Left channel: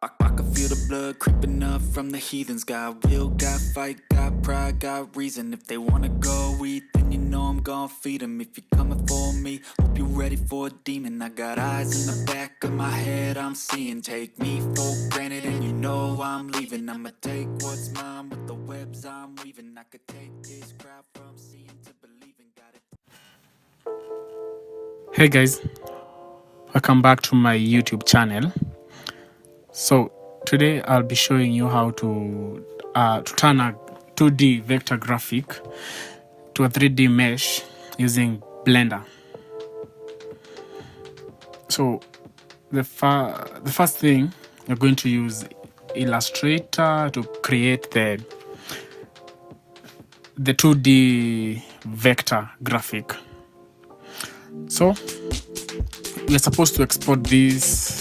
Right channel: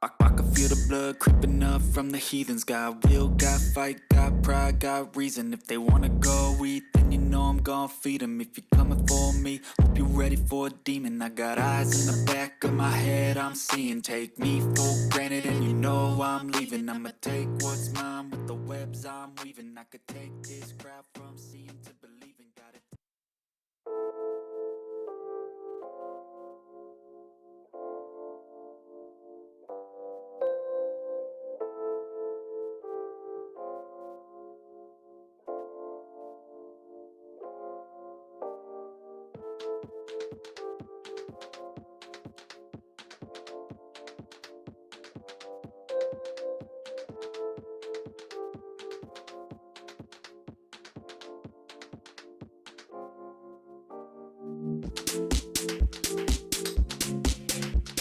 I can feel the blood creeping up from the heathens. Got will, got fight, got pride, got reason. If they wanna go eat, then you know I'm gon' feed them. If you're coming for me, hope you're ready for a demon. I got eyes in the back of my head, I'm seeing. Take me for granted and you know I'm leaving. I'ma take what's mine with the webs I'm weaving. I could take this crowd from seeing to believing. Got it. Hey guys, welcome back to my YouTube channel. So today I'll be showing you how to turn a 2D vector graphic to a 3D mesh using Blender. So the first thing, you're going to use Illustrator to create the 2D vector graphic. So we're supposed to export this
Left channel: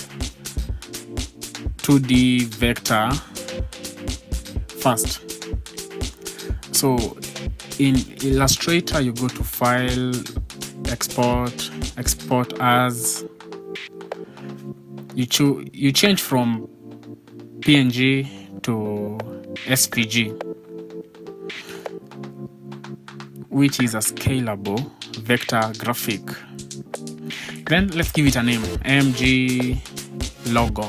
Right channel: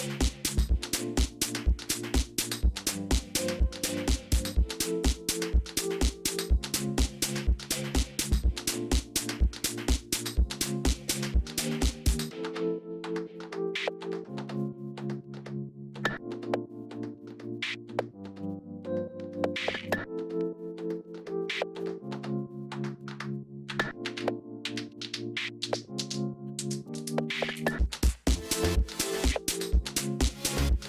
2D vector first. So in Illustrator, you go to File, Export as. You change from PNG to SVG, which is a scalable vector graphic. Then let's give it a name, MG logo.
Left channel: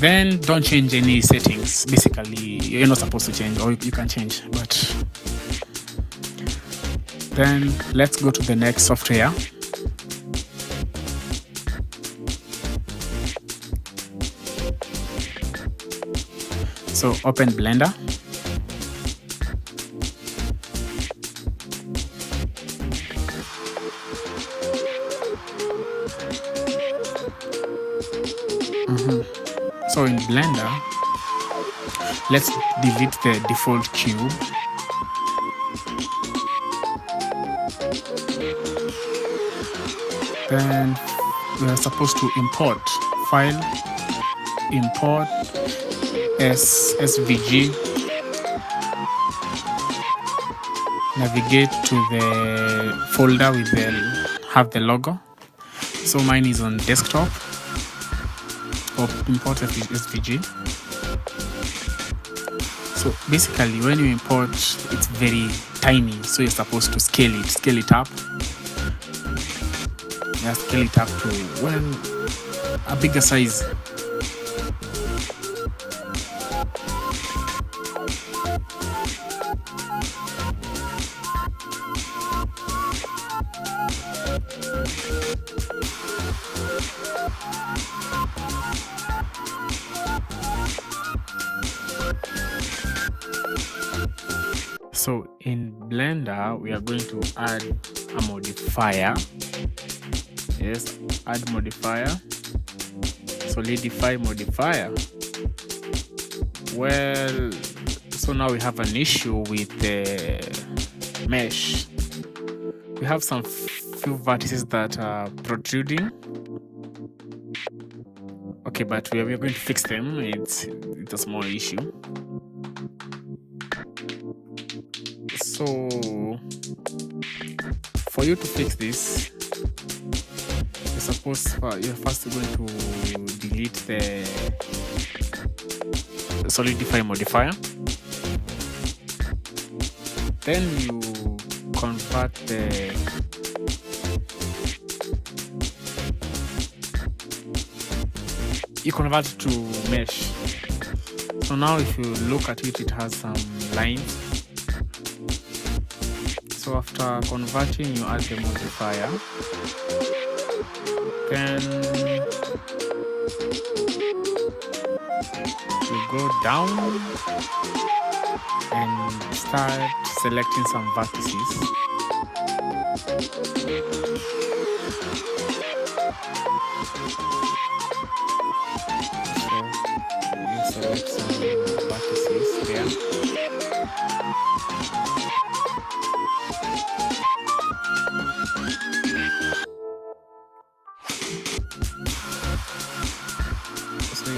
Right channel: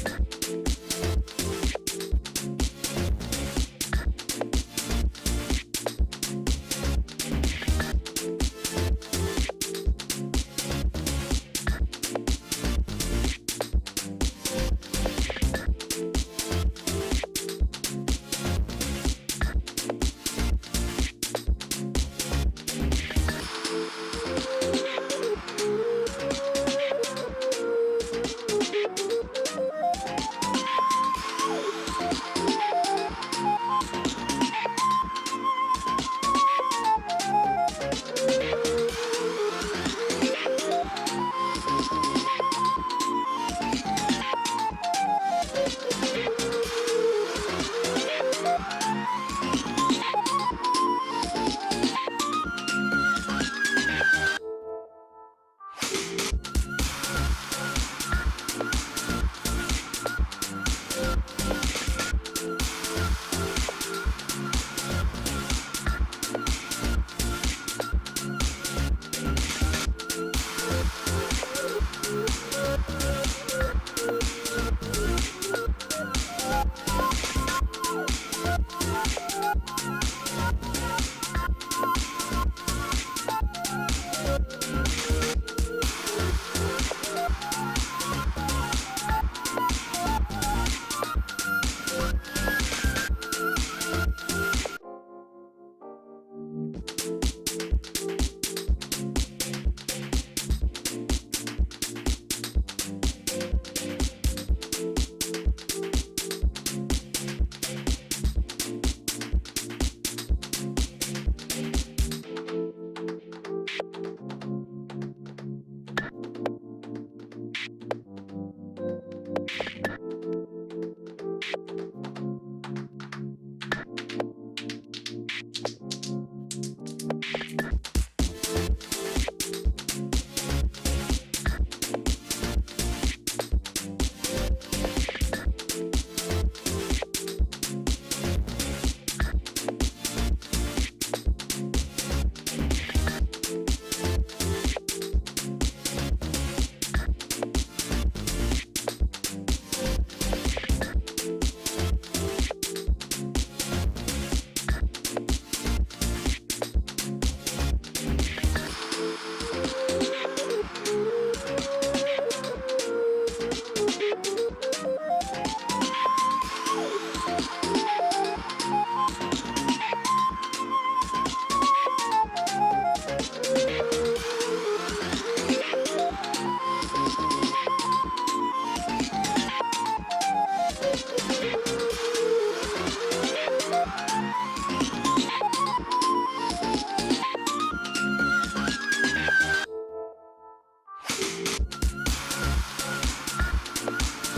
Then don't change any settings. Basically, you're not supposed to change, or you can change, but then let's go to the next software. So open Blender. So in Blender, let's delete the default cube. Then we are supposed to import file, import SVG, navigate to the folder with have the logo. So mine is on desktop. Import SVG. So basically, when you import, it's very tiny, so you're supposed to scale it up. Yeah, scale it up to a bigger size. So in Blender, we are going to add a modifier. Yes, add modifier, solidify modifier. Well, so now we have an issue with the mesh. We have some few vertices that are protruding. Okay, but we are going to fix them. It's a small issue. So for you to fix this, you're first going to delete the solidify modifier. Then you convert it to mesh. So now if you look at it, it has some lines. So after converting, you add the modifier. Then you go down and start selecting some vertices.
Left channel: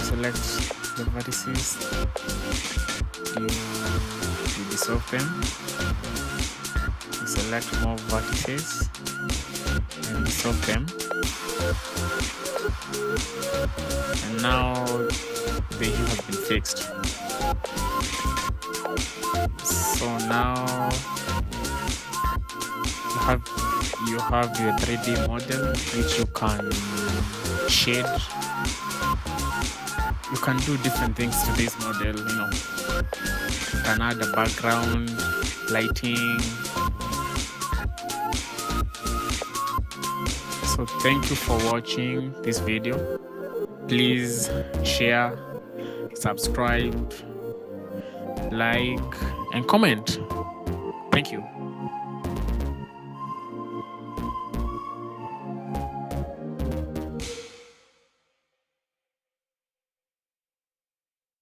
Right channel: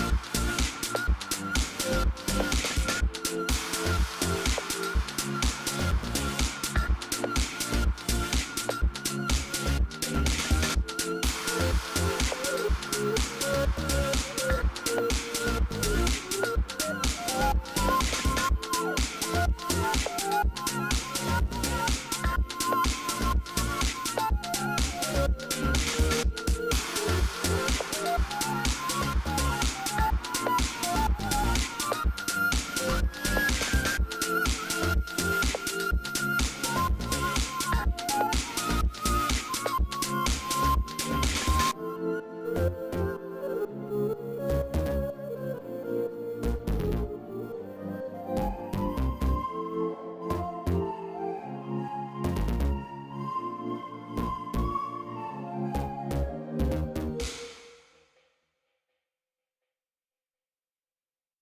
Select the vertices, you dissolve them, select more vertices and dissolve them. And now the hue has been fixed. So now you have your 3D model which you can shade. You can do different things with this model, you know. You can add a background, lighting. So thank you for watching this video. Please share, subscribe, like, and comment.